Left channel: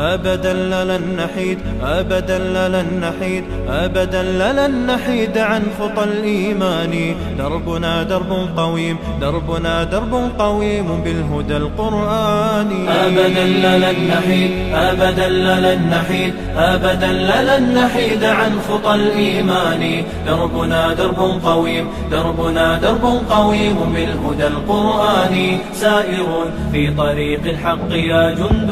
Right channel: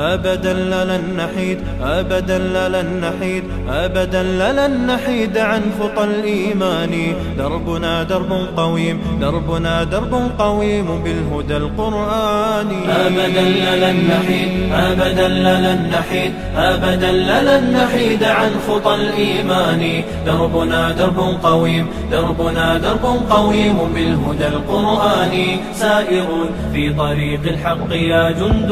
أبدا لن نحيد، أبدا لن نحيد، أبدا لن نحيد عن خطى الإيمان. دربنا درب قويم، دربنا درب قويم بالهدى القرآني. أبدا لن نحيد، أبدا لن نحيد، أبدا لن نحيد عن خطى الإيمان. دربنا درب قويم، دربنا درب قويم بالهدى القرآني. سائرون في طريق الحق يا جند